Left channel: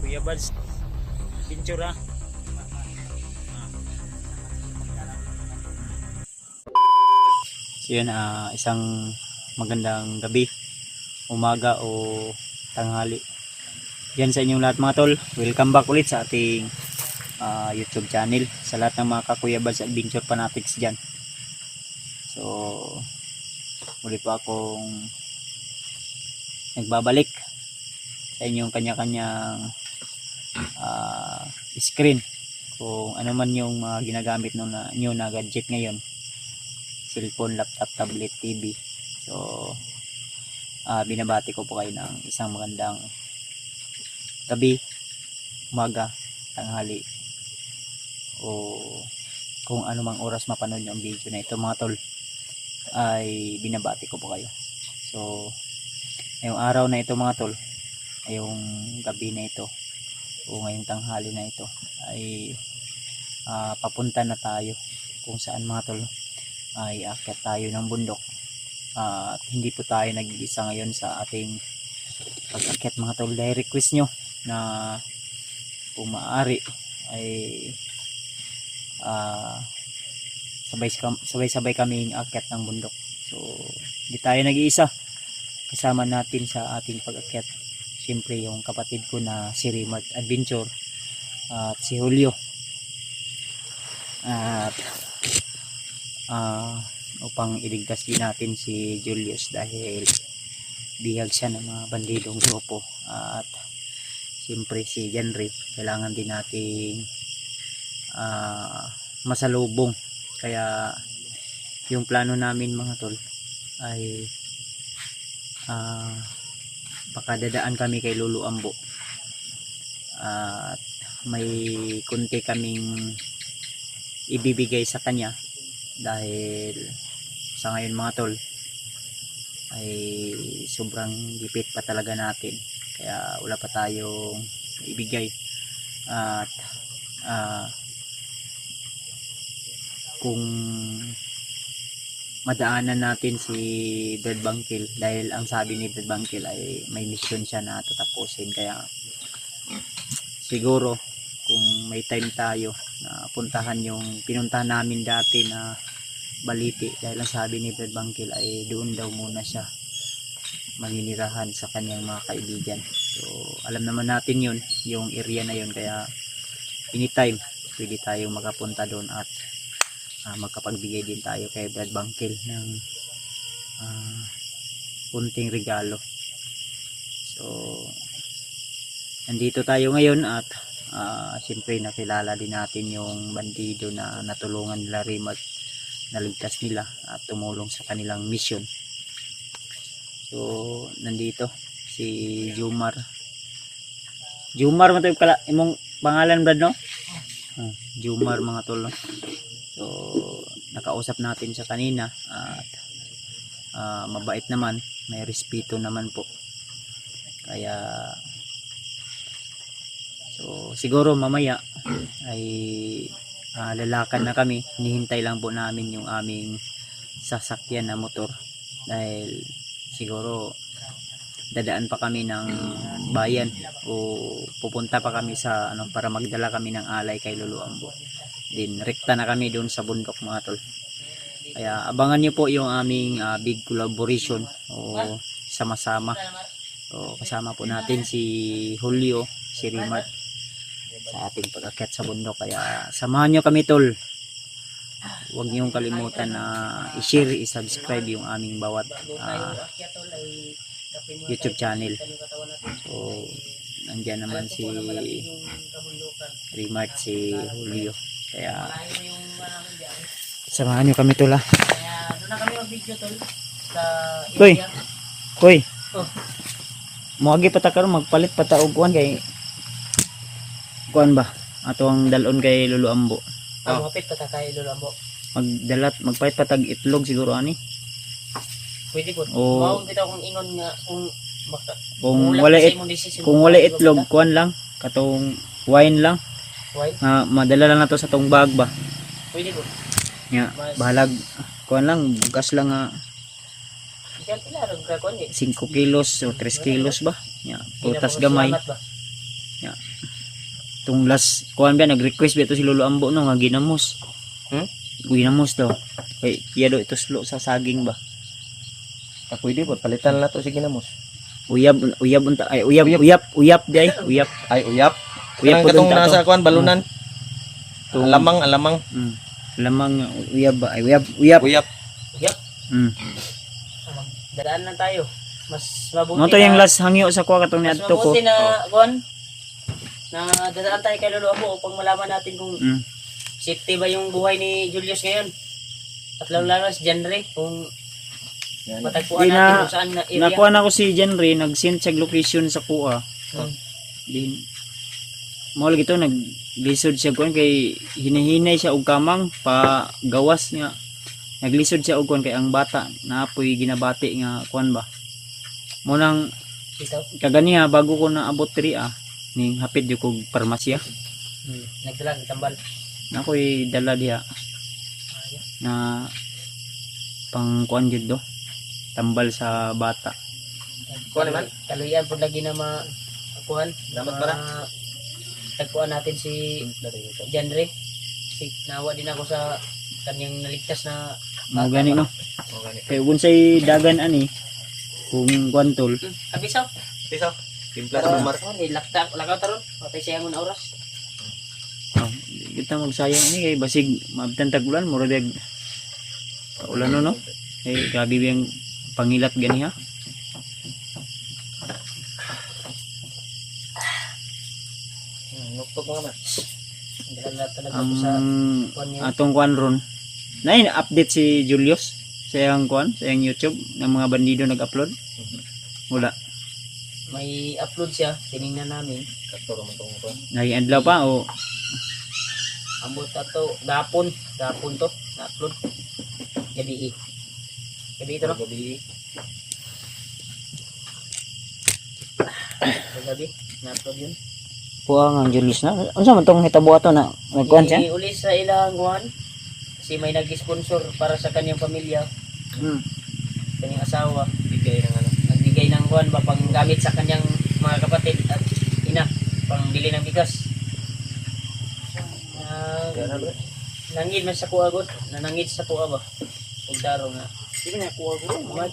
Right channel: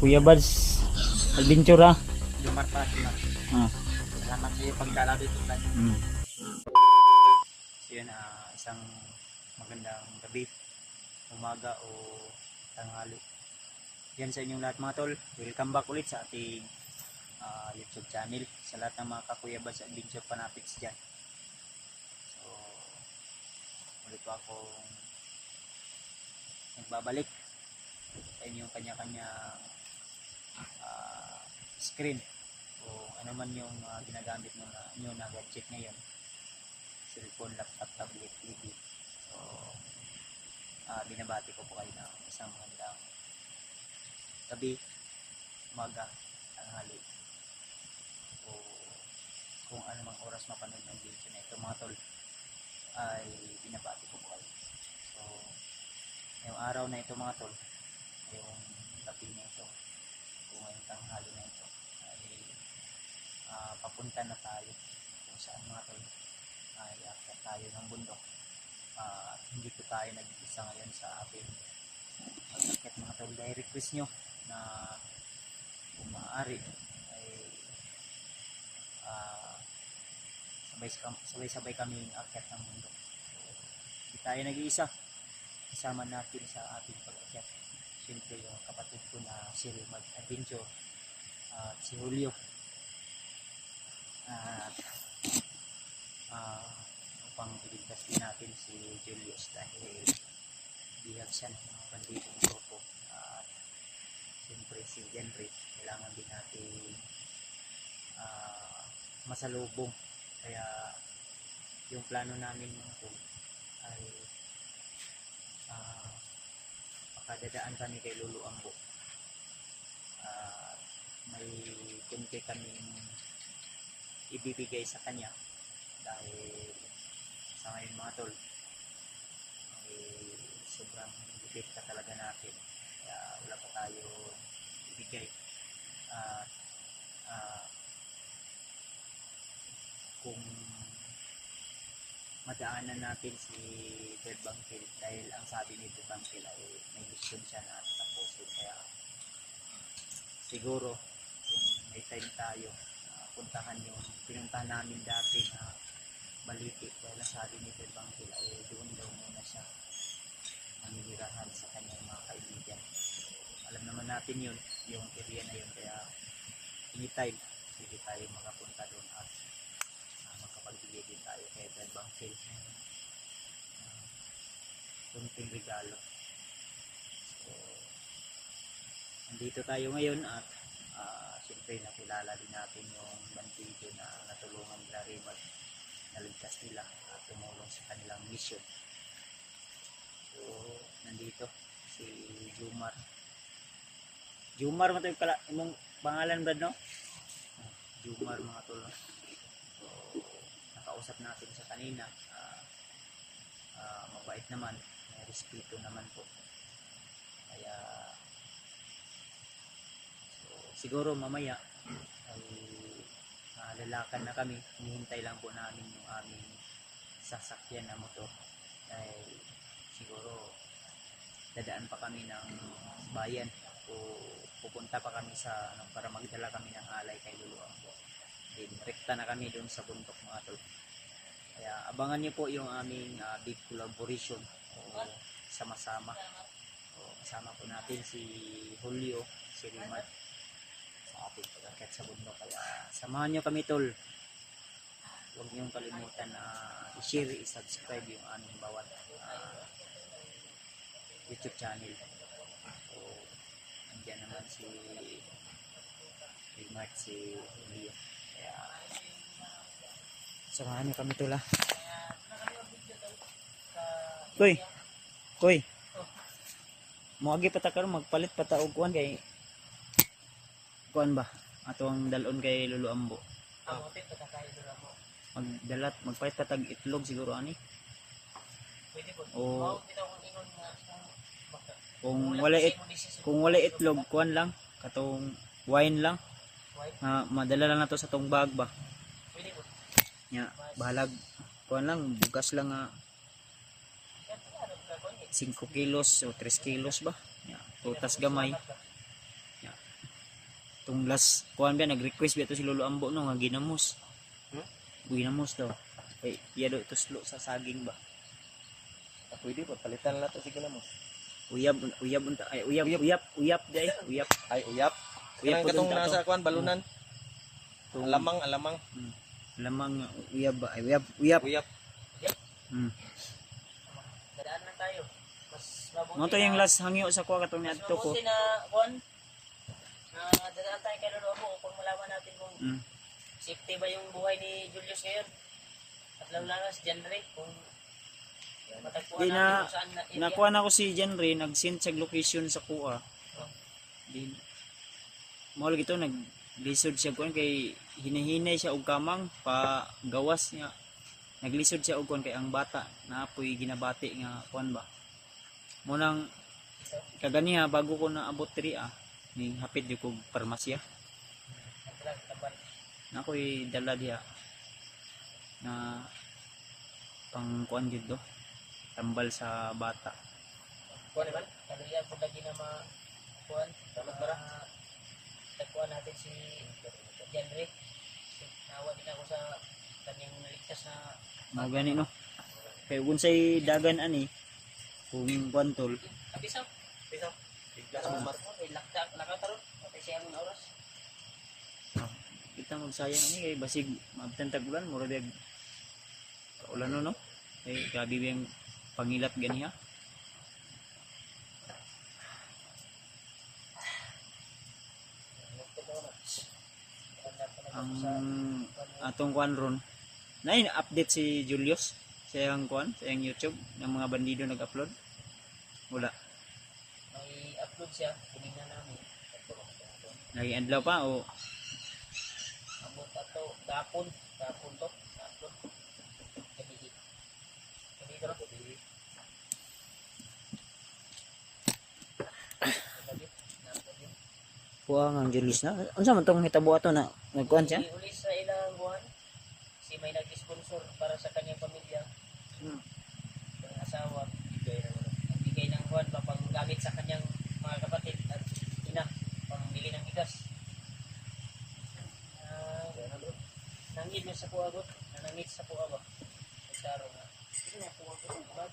Kuya Bads Adventure ha. Lumar pa. Salamat sa iyo pagdala dito. So yun, isang magandang gabi, umaga o tanghali yan sa inyong lahat mga tol. Welcome back ulit sa ating YouTube channel, sa lahat ng mga Kuya Bads Adventure fanatics dyan. So muli pa akong nagbabalik sa inyong kanya-kanyang screen, kung ano man yung ginagamit nyo na gadget ngayon, cellphone, laptop, tablet, TV. So binabati ko po kayo ng isang magandang gabi, umaga, tanghali o kung ano mang oras mapanood nyo ang video na ito mga tol, ay binabati ko po kayo. So ngayong araw na ito mga tol, ngayong gabi na ito o ngayong tanghali na ito ay papunta na tayo kung saan mga tol ay aakyat tayo ng bundok. At hindi po tayo nag-iisa ngayon sa ating pag-akyat mga tol, dahil request nyo na kung maaari ay sabay-sabay kaming akyat ng bundok. So hindi tayo nag-iisa, kasama natin sa ating pag-akyat siyempre yung kapatid ko na si Rimart Adventure at si Julio. At upang iligtas din natin si Julius dahil bihag siya ng mga bandidong grupo, at siyempre si Henry kailangan din nating masalubong. Kaya yung plano namin mga tol ay baka dadaan kami kay Lolo Ambo at may kunti kaming ibibigay sa kanya dahil sa ngayon mga tol ay sobrang gipit pa talaga natin, kaya wala pa tayong ibigay. At kung madaanan natin si Brad Bangkil, dahil ang sabi ni Brad Bangkil ay may mission siya na tatapusin, kaya siguro kung may time tayo na puntahan yung pinuntahan namin dati na Baliti, dahil ang sabi ni Brad Bangkil ay doon daw muna siya maninirahan sa kanyang mga kaibigan. So alam naman natin yun, yung area na yun, kaya anytime pwede tayong makapunta doon at magkapagbigay din tayo kay Brad Bangkil ng kunting regalo. So nandito tayo ngayon at siyempre nakilala din natin yung bandido na natulungan nila Rimart, naligtas nila at tumulong sa kanilang mission. So nandito si Jumar matay imong pangalan Brad, no? Jumar mga tol, no? So nakausap natin siya kanina at mabait naman, may respeto naman po, kaya so siguro mamaya ay lalakan na kami. Hinihintay lang po namin yung aming sasakyan na motor dahil siguro dadaan pa kami ng bayan o pupunta pa kami sa para magdala kami ng alay kay Lolo Ambo. Din rekta na kami doon sa bundok mga tol, kaya abangan nyo po yung aming big collaboration o sama-sama. So kasama po natin si Julio, si Rimart sa ating pag-akyat sa bundok, kaya samahan nyo kami tol. Huwag niyong kalimutan na i-share, i-subscribe yung aming bawat YouTube channel. So nandyan naman si Rimart, si Julio, kaya samahan nyo kami tol ha. Kaya doon na kami mag-video tol sa Koy, area. koy. Oh. Muagi pa ta karon, magpalit pa ta og kuan kay kuan ba? Ato ang dalon kay Lolo Ambo. Mapit pa tayo Lolo Ambo. Magpalit pa tag itlog siguro ani. Pwede po. O Mao kita kung ingon nga kung wala itlog, kuan lang katong wine lang. Wine? Madala lang nato sa tong bag ba. Pwede po. Nya bahalag kuan lang, bugas lang Ikan pila ron ka 5 kilos o 3 kilos ba? Nya prutas gamay. Salamat ba? Nya Katong last kuan ba nag-request ba to si Lolo Ambo no nga ginamos. Ginamos daw. Kay iya do ituslo sa saging ba. Pwede po, palitan na to, sige na mo. Uyab unta ay uyap di ay uyap. Ay, uyap. Uyap Kanang po katong dun ta to. nasa kuan, balunan. Alamang. Lamang uyab ba ay uyap. Uyap. Mm. Dadaan lang tayo. Mas mabuti Mo to yung last hangyo sa kuha katong mas niadto ko. mabuti na kuan na dadaan tayo kay Lolo Ambo upang malaman natin kung Mm. safety ba yung buhay ni Julius ngayon. At lalo si Janre kung matagpuan Di natin na- kung saan na area. Nakuha na ko si Jenry nag-send siya location sa kuha. Hmm. Din mo lagi to naglisod siya kuan kay hinahinay siya og kamang pa gawas nga naglisod siya og kuan kay ang bata naapoy ginabati nga kuan ba. Mo nang Ito. kaganiha bago ko na abot diri ning hapit jud kog parmasya. Nagdala tambal. Nakoy dala diha na pang kuan jud do. Tambal sa bata. Kuan naman? Kaluyan po lagi na kuan. Dapat para. Tagpuan natin si Janre. Si nawa din ako sa kanyang naligtas na Mo gani no. Kay unsay dagan ani kung kuan tol. abisaw. Piso. Timpla sa mar. Lakaw taron. Patay siya mo na oras. Kita magsayang ini kay basig mabtan tagulan mura dag ulan no. Kay grabe yung pangilat gani ha. Nuktok mo naman. Dala na talaga ako sa Ang kuan niya. atong kuan ron. Nay update si Julius sa iyang kuan, sa iyang YouTube ng mga bandido nag-upload. Wala. May upload siya. Tiningnan namin. Katuro mo tong kuan. Naging adlaw pa o Ambot ato gapon to na-upload. Gabi ito no? Gabi. Gabi na-upload yun. kuha nga ang Julius na. Unsa man tong hitabo ato na nagkuan siya? Uli sa ilang kuan kasi may nag-sponsor para sa kanyang pamilya, Hmm. kanyang asawa. Bigay ng ano. Nagbigay ng kuan ba panggamit sa kanyang mga kapatid at ina, pangbili ng bigas. Kaya bro. Nangid man sa kuha god, nanangid sa kuha ba? Ug daro nga. Sige na kuha ko. Mama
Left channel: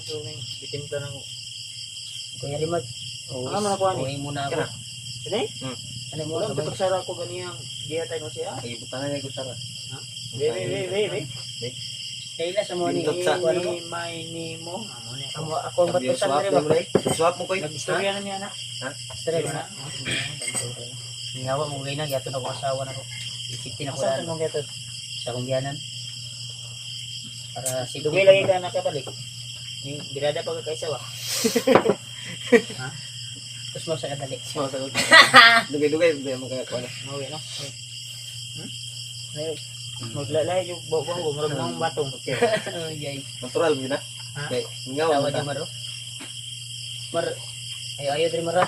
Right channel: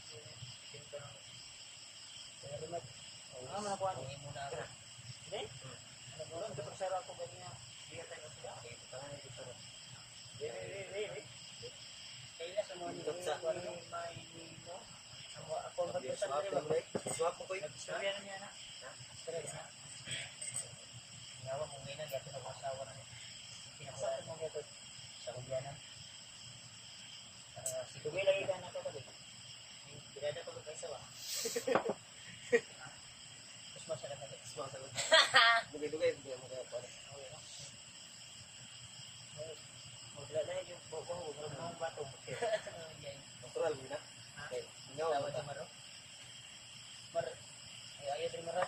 so ning itimpla ng Kuya Rimag. Ano man ako ani? Uwi muna ako. Kana? Kani? Ano mo Wala sabay? dapat sara ko ganiyang diha tayo siya. Ay butanan niya gitara. Ha? Be. Kailan sa mo ni Bindot sa- kuan mo? May ni mo. Ako ang batusan diri ba? Swap mo koy. Istorya na niya na. Ha? Istorya na. Ngawa mo gay na gyapon ako asawa nako. Isipin ako Saan daan mo gato? sa kungyanan. Para si Dugay lagi ka nakabalik. Ni birada pa ka kaysa wa. Tapos mo sa kadali. Dugay mo kaya kuan. Mawi no. Maglalay yung bawang gumurag ng batong. Okay. Yay. Natural yun na. Ha? Okay. Ngaw Tawa mo di maro. Mar ayo diri mara.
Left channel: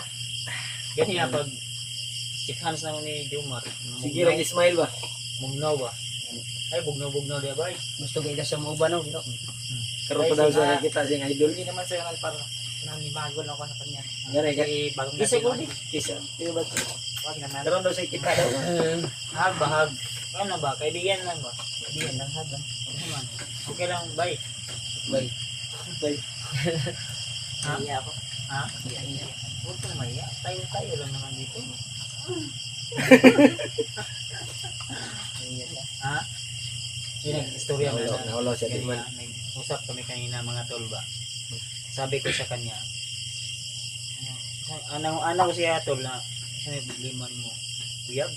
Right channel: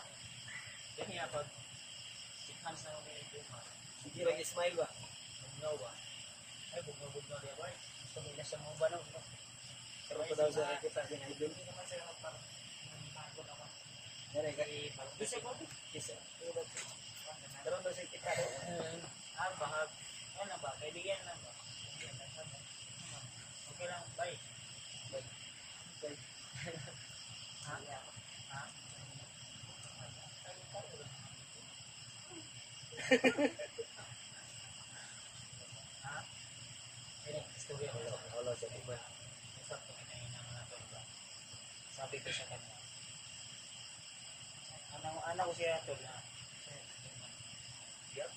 Ganyan pag si Hans na ni Jumar. Sige, lagi smile ba? Mugnaw ba? Ay bugnaw dia ba? Gusto gay sa mo ba no? Karon pa daw sa kita sing idol. Hindi naman sa kanal para nanibago na ako sa kanya. Ngare ka. Kasi bagong Kisa ko dating di. Kisa. Di ba? wag naman. Karon daw sa kita daw. Hag bahag. Ano ba? Kaibigan lang ba? Kaibigan lang hag. Ano naman? Okay lang, bye. Bay. Bye. Ha? Iya ako. Ha? Huwag kang maya. Tayo lang naman dito. Ha? Yun ang istorya mo na. Nawala siya di man. Kanina, nag-usap kami kanina mga tol ba. Sabi ko sa kanya, ano ko siya tol na sabi liman mo uyab.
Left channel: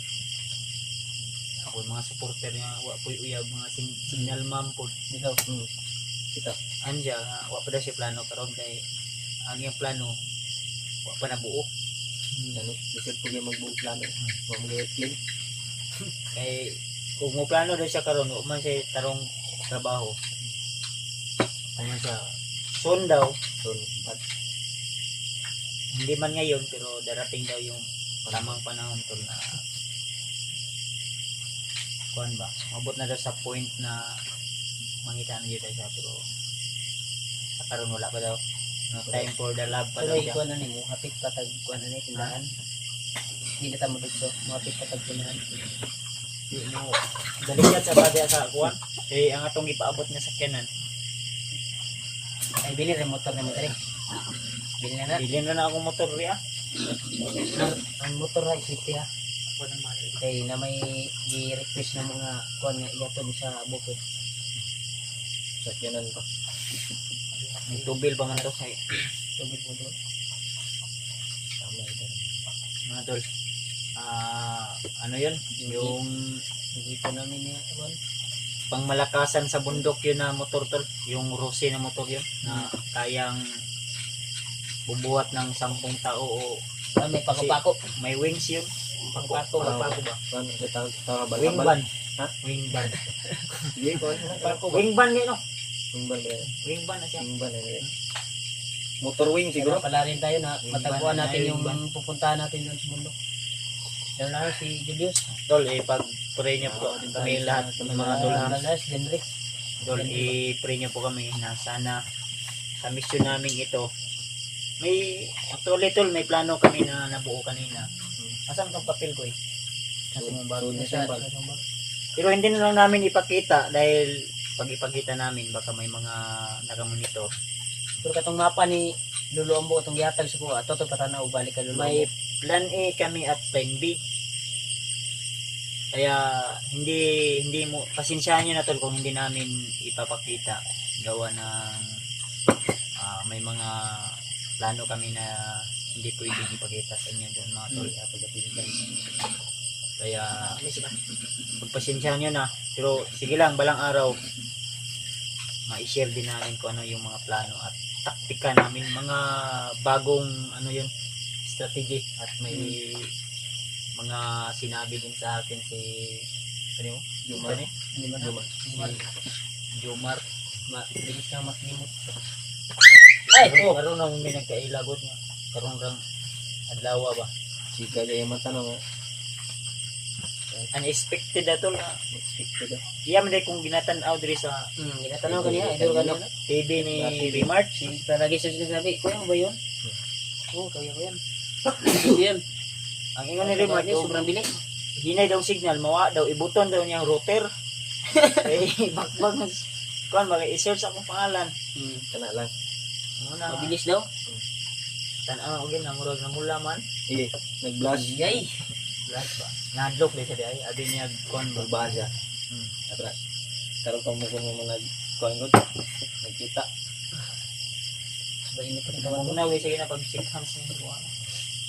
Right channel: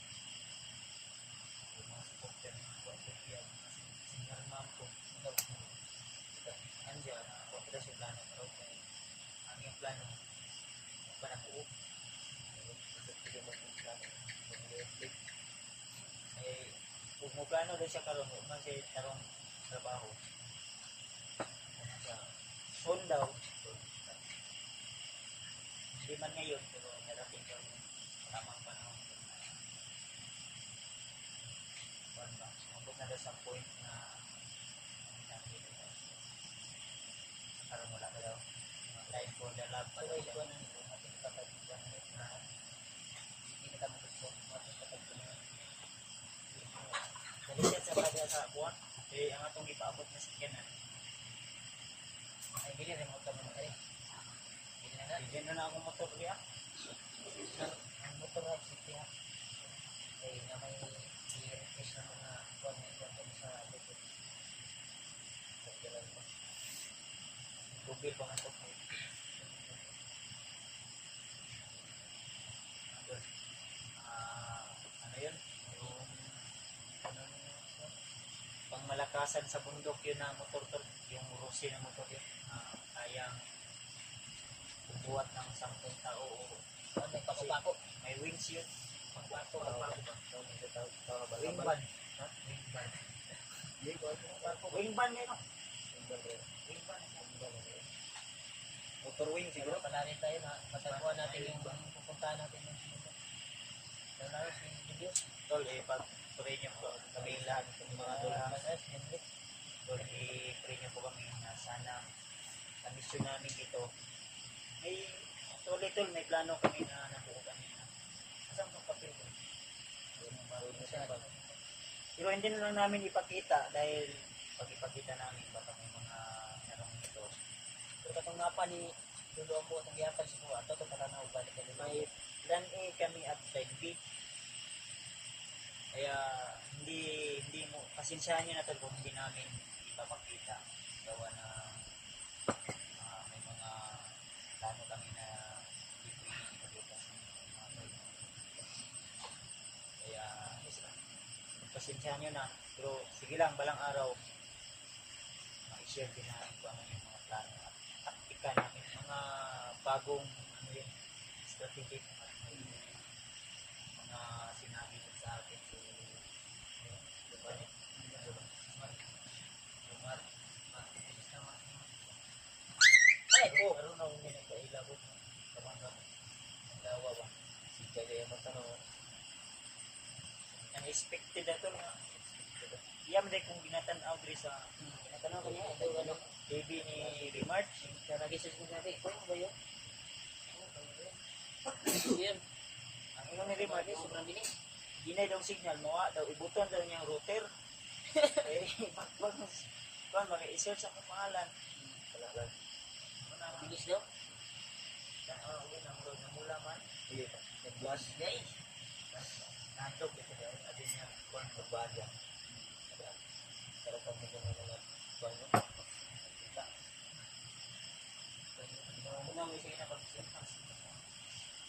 Ako yung mga supporter niya, wa ko uyab mga signal ma'am po. Ikaw. Kita. Anja, wa pa daw siya plano karon kay ang iyang plano wa pa nabuo. Ano? Bisig ko yung magbuo plano. Wa mo play. Kay kung mo plano daw siya karon, wa man siya tarong trabaho. Ano siya? Soon daw, So, hindi man ngayon pero darating daw yung tamang panahon tol na kuan ba? Mabot na daw sa point na mangita na yun siya pero karon wala pa daw. No time for the love pa daw Pero siya. ikuan na nimo, hapit patag kuan na ni tindahan. Hindi na tamo dito. Mapit ka tagpunahan. Di mo. Daligat sa badi sa kuan. Eh ang atong ipaabot nga sakyanan. Ay, bili rin motor na mo dali. Bili na na. Bilhin na na akong motor ri ah. Ang motor na isipti ha. Kuan ang mahal. Kay na may i-request na mga kuan nga iyaton sa bukid. Sakyanan ko. May tubil pa man to kay Tubig mo doon. Tama ito. mga tol. Ano 'yun? Yung Dito namin niya kuan. pangmalakasan sa bundok yun na motor tol. Yung Rossi na motor yun na kayang bubuhat ng 10 tao o Ah, may pako-pako. may wings yun. Pako-pako ba? Pako ba? Kan kita tawa bal. Wing ban. Ha? Wing ban. Di ko. Wing ban ngayon no? Wing ban ba? Wing ban na siya. Wing ban eh. Motor wing siguro. Siguro pala rin tayo na Yung matagpuan ban, natin yung yung ban. pupuntahan natin doon sa mundo. Lalo na si Julius. Tol, pray niyo po kami lahat ng mga tol ha. Malas, Henry. Tol, i-pray niyo po kami na sana sa mission namin ito. May actually tol, may plano kami na nabuo kanina. Asan tong papel ko eh? Nasa mong bag. Nasa Pero hindi na lang namin ipakita dahil pag ipakita namin baka may mga nakamonitor. pero katong mapa ni Lolo Ambo itong gihatag sa kuha. Toto patanaw balik ka Lolo May Ambo. plan A kami at plan B. Kaya hindi mo pasensyahan niyo na tol kung hindi namin ipapakita gawa ng may mga plano kami na hindi pwedeng ipakita sa inyo doon mga tol. Kaya pagpasensyahan niyo na pero sige lang balang araw ma-share din namin kung ano yung mga plano at taktika namin mga bagong ano yun strategy at may mga sinabi din sa akin si ano yun? Jumar. Ano yun? Jumar. Si Jomar. Bilis kang maklimot. Ay, karon nang may nagkailagot nga. Karon rang adlaw ba? Chika jaya mata no. Unexpected ato nga. Expected. Iya man kung ginatan-aw diri sa Ginatanaw ka niya. Idol ka niya. TV ni Remark. Palagi sa sinasabi, kuya mo ba yun? Oo, kaya ko yan. Ito yan. Ang ingon ni Remark, Sobrang bilis. hinay daw signal, mawa daw, ibuton daw niyang router. Eh, bagbag kuan ba i-search akong pangalan. Kana lang. Muna, Mabilis daw. tan-aw og na murag na mula man. Iya. Nag-blush. Yay! Last ba? Nadlok di siya ay abi niya kuan ba. Magbahan siya. Hmm. Abra. Karon pa mo kung mga nag-kuan nagkita. Ba ini pa rin Kawan kawan mo. mo na we sige na pag 6 hands ni kuan.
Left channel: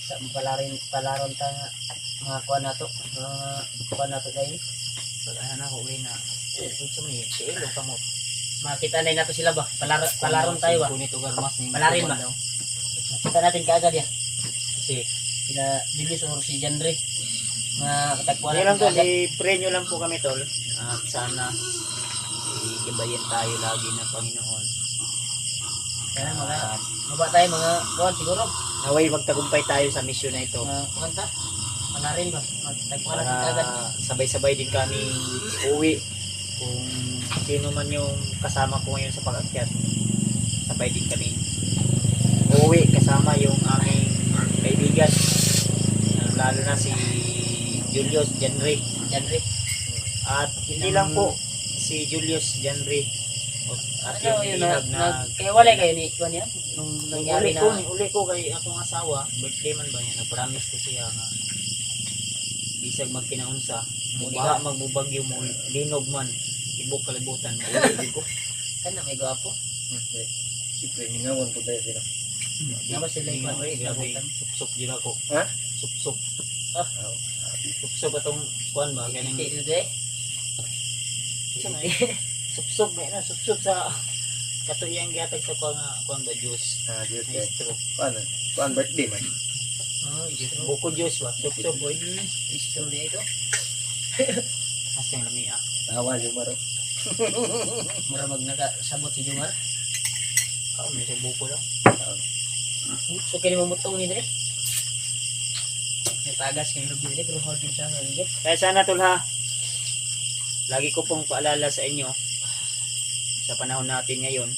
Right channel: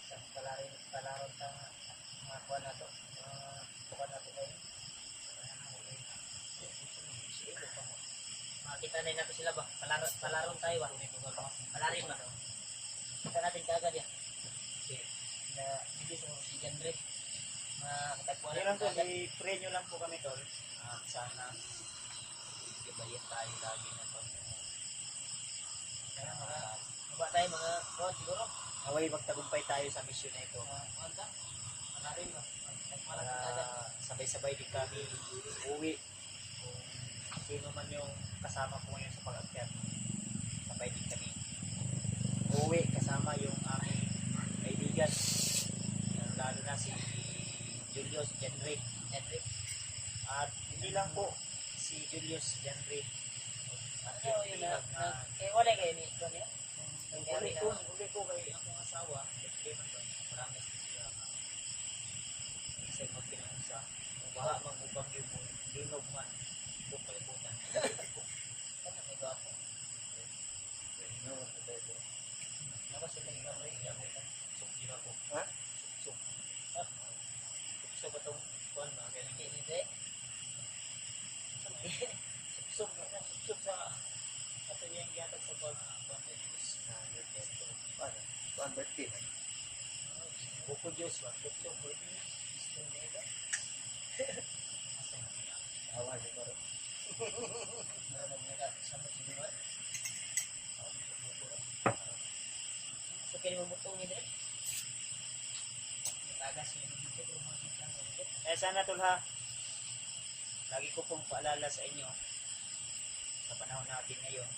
Sa palaron ta nga mga kuha na to. Mga kuha na to dahil. Pag ana ako we na unsa man si Elo kamot. Makita na nato sila ba? Palaron tayo ba? Kunit ugar mas ni. Palarin ba? Makita natin kaagad ya. Kasi Sila Julius or si Janre. Mga katagpuan Kaya lang natin tol, kaagad. i-pray nyo lang po kami tol. At sana igibayin tayo lagi ng Panginoon. Kaya mga At baba tayo mga kuhan siguro. naway magtagumpay tayo sa mission na ito. Mga kuhan ta. Palarin ba? Magtagpuan natin Para kaagad. sabay-sabay din kami uwi. Kung sino man yung kasama ko ngayon sa pag-akyat, sabay din kami uwi kasama yung aming kaibigan. Lalo na si Julius Janre. Janre. At hindi lang po si Julius Janre. At Ano yung yun na, ihag na kaya walay kayo ni kuhan yan? Nung nangyari na. uli ko kay akong asawa, birthday man ba niya, nag-promise ko siya nga bisag magkinaunsa, mubaha magbubagyo mo, linog man, ibok kalibutan, mauli ko. Kana may gwapo. Siyempre, ningawan ko tayo sila. Naman sila yung Grabe, grabe, sup-sup din ako. Ha? Sup-sup. Ah. Sup-sup atong kuan ba? Ganang, Ito dito eh. sup-sup, may na, sup-sup sa katuyang gihatag sa kuan ba, juice. Ah, Diyos May kay. straw. Kuan birthday man. Buko juice ba, sup-sup boy. Istro dia itu. Asang lamia. Tawa Jumar. Mura sabot si Jumar. Kao may sa buko daw. So kini mamutong ni dire. May tagas kay lubi dire pero hard din siya nga. Kaya sana tol ha, lagi ko pong paalala sa inyo, sa panahon natin ngayon,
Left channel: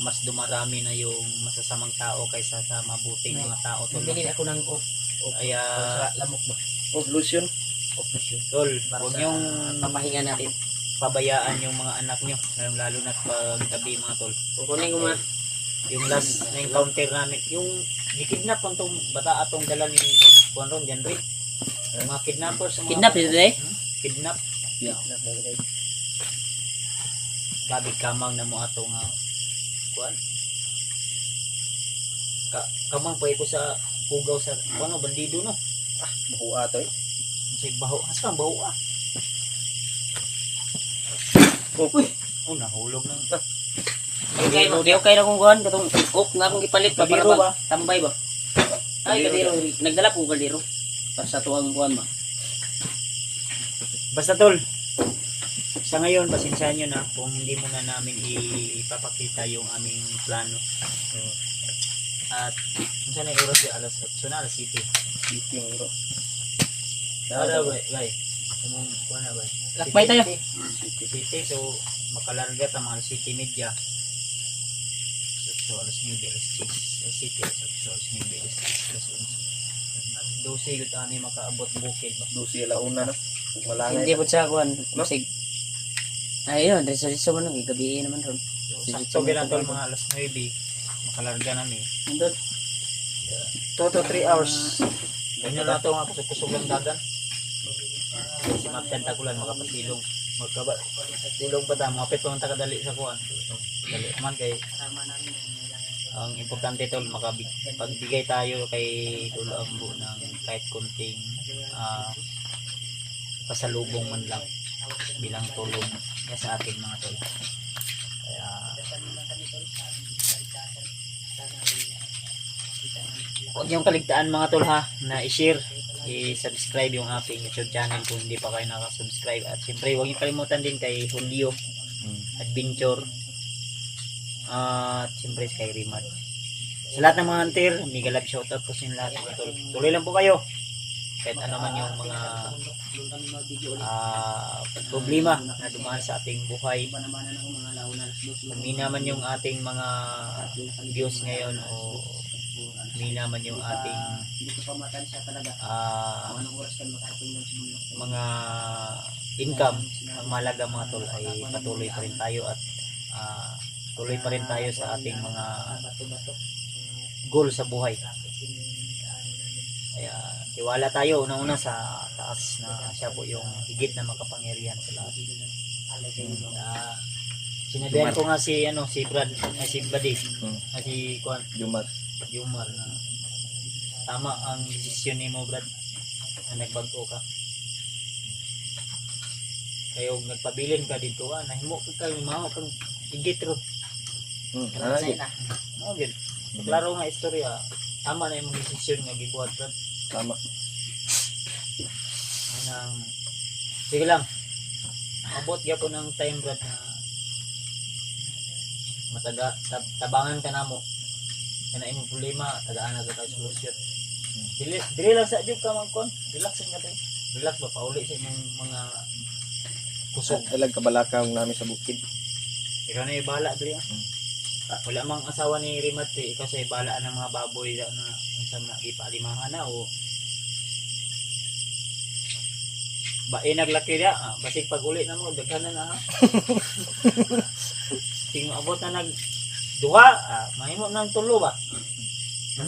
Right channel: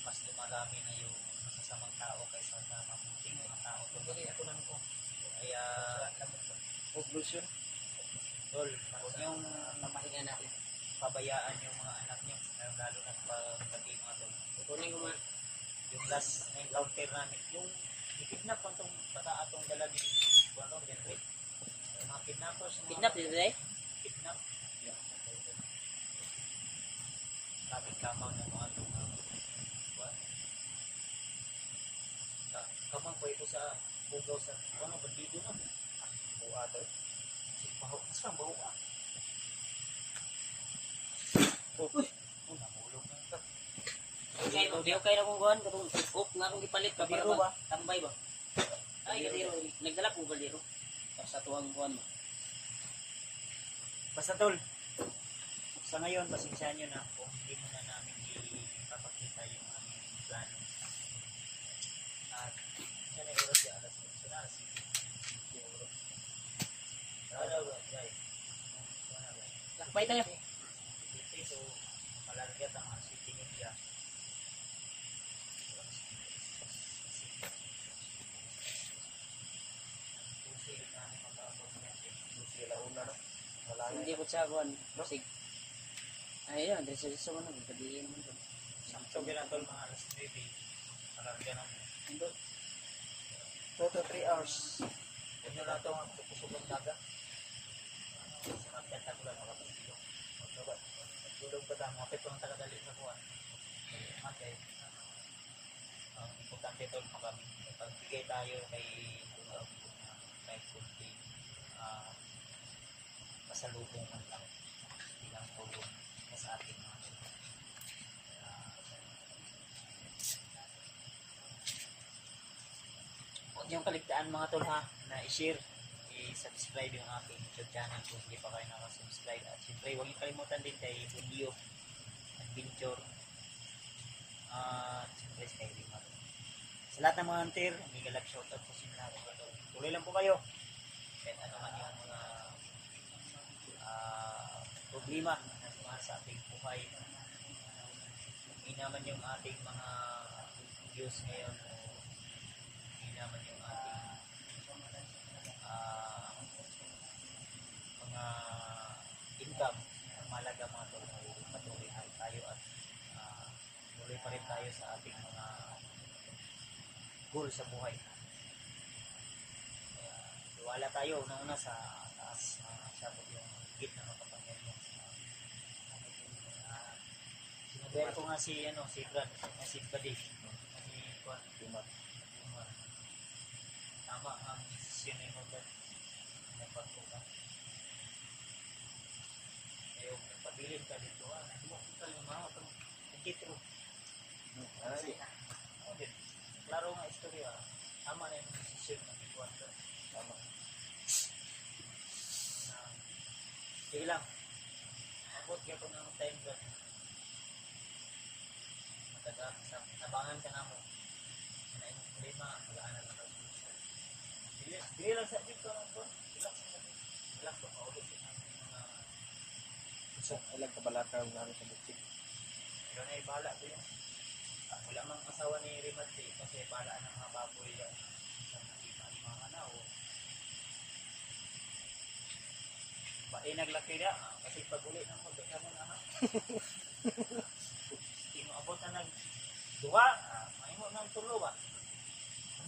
mas dumarami na yung masasamang tao kaysa sa mabuting mga tao tol. Bili ako ng Ay, lamok ba? Oh, lotion. tol, Para huwag sa niyong papahinga natin. pabayaan yung mga anak nyo, lalo na pag gabi mga tol. Kukunin ko muna. Yung last na encounter namin, yung gikidnap ang tong bata atong dala ni Juan Ron, Janry. Yung mga kidnappers. Mga Kidnap dito eh? Kidnap. Gabi kamang na mo atong Juan. Kamang pa ko sa pugaw sa ano bandido no. Makuha to eh. Kasi baho, hasang baho ah. Uy. Oh, nahulog ng Di okay na kung kuhan. Katong na akong ipalit ba? Para Kadiro ba? ba? Tambay ba? Ay, kadiro. Nagdala ko kadiro. Para sa tuwang kuhan ba? Basta tol, sa ngayon, pasensyahan nyo na kung hindi muna namin ipapakita yung aming plano. At kung saan ay oras yung alas 8 na, alas 7. Meeting bro. Ara, bay. Kumong, kuha na, bay. Lakbay tayo. City, so makalarga ta mga 7:30. So, alas 9, alas 6. Alas 7, alas 9, alas 6, alas 11. At 12, yung tani makaabot bukid. Lucy alauna na. Malangay. Hindi po sa kuhan. Masig. Ayun, reso mo nang gabi naman ron. So, sakto ginatol mga alas 9, makalarga namin. Nandun. 2 to 3 hours. Ganyan na ito nga kusog ng dagan. Sa mga tentakulan, makapasilong. Silong pa ta, mga pito ang takadali sa kuhan. Dali naman kay ang importante tol, pagbigay tayo kay Lolo Ambo ng kahit kunting pasalubong man lang bilang tulong niya sa ating mga tol. Kaya huwag niyong kaligtaan mga tol ha, na i-share, i-subscribe yung ating YouTube channel kung hindi pa kayo nakasubscribe. At siyempre huwag niyong kalimutan din kay Julio Adventure at siyempre kay Rimad. Sa lahat ng mga hunter, mega love shoutout po sa inyo lahat mga tol. Tuloy lang po kayo kahit ano man yung mga problema na dumaan sa ating buhay. Mina man yung ating mga views ngayon o mina man yung ating mga income, ang mahalaga mga tol ay patuloy pa rin tayo at tuloy pa rin tayo sa ating mga goal sa buhay. Kaya tiwala tayo unang-una sa taas na siya po yung higit na makapangyarihan sa lahat. Sinabihan ko nga si Brad, si Buddy, si Juan Jumar na tama ang desisyon ni mo Brad na nagbago ka. Kayo nagpabilin ka dito nahimo ka maho kang higit ro. Okay. Klaro nga istorya. Tama na yung desisyon nga gibuhat Brad. Tama. Sige lang. Abot gyapon ng time Brad na tabangan ka namo. Kana imong problema, tagaan na tayo solusyon. Dili lang sa jud ka man kon. Relax nga tayo. Relax ba pauli sa imong mga kusog. Ilag kabalakang namin sa bukid. Ikaw na ibala diri. Wala mang asawa ni Rimate, ikaw sa ibala ng mga baboy na unsa na ipalimahan na o naglaki dia, basig pag uli na mo daghan na ha. Ting abot na duha, mahimo nang tulo ba?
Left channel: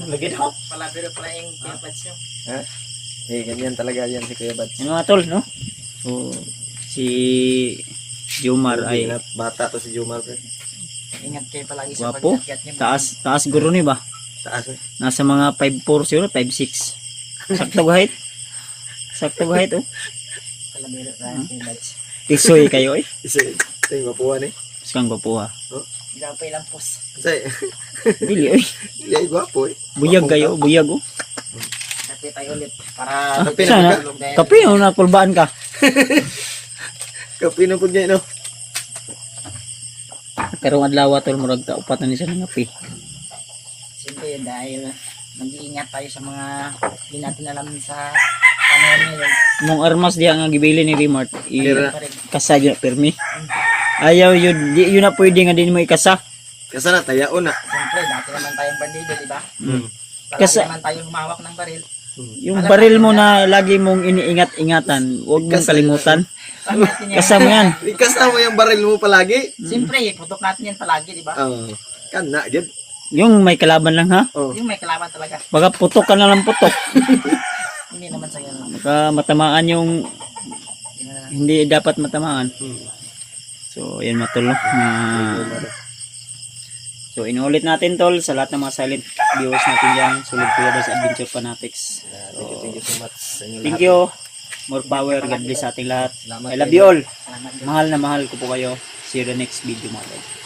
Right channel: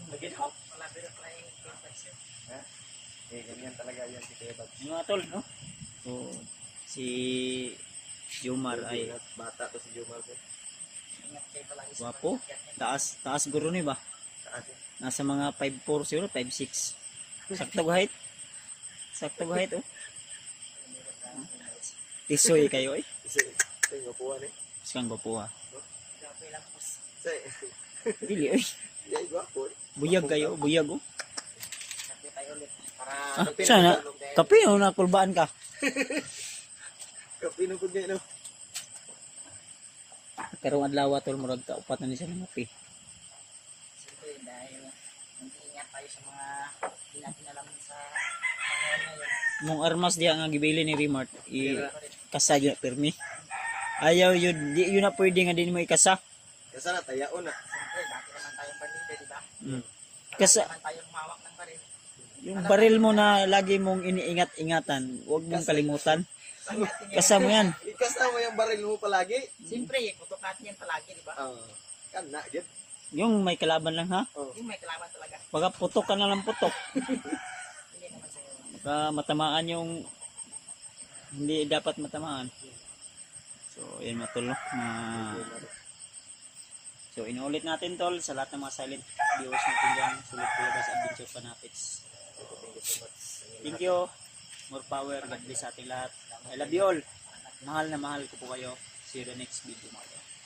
Lagi daw. Palabiro pala yung kimpads nyo. Ganyan talaga yan si Kuya Bad. Yung mga tol, no? So, si Jumar ay bata to si Jumar. Ingat kayo palagi sa Wapo. pag-akyat nyo. taas guro ni ba? Taas Nasa mga 5'4 siguro, 5'6. Sakto height. Oh. Palabiro pala yung kimpads. Tisoy kayo eh. Isa ito mapuan eh. Skang gwapo ha. Gapay lang pos. Say, Dili oy. ay gwapo eh. Buyag kayo, buyag oh. Kape tayo ulit. Para Kape na. Kape oh, nakulbaan ka. Kapi na po niya no. Karong adlaw tol murag ka upat na ni sa ngapi. Siyempre dahil mag-iingat tayo sa mga hindi natin alam sa panahon ngayon. Mong armas diha nga gibili ni Rimart. Tira. Pa rin. Kasa dyan permi. Ayaw yun, yun na pwede nga din mo ikasa. Kasi na tayaon na. Siyempre dati naman tayong bandido, di ba? Mm. Palagi Kasi- naman tayong humawak ng baril. Yung baril mo na lagi mong iniingat-ingatan, huwag mong kalimutan. Kasama yan. Kasama yung baril mo palagi. Siyempre, putok natin yan palagi, di ba? Oo. Kana, gid. Yung may kalaban lang ha. Oh. Yung may kalaban talaga. Baka putok ka na lang putok. Hindi naman sa ganun. Baka matamaan yung hindi dapat matamaan. So, yan matulog na so, inuulit natin tol sa lahat ng mga silent viewers natin dyan. Sulit Kuya Bal sa Adventure Fanatics. Thank you so much sa inyo Thank lahat. you. More power. God bless sa ating lahat. Salamat I love you all. Mahal na mahal ko po kayo. See you the next video mga tol.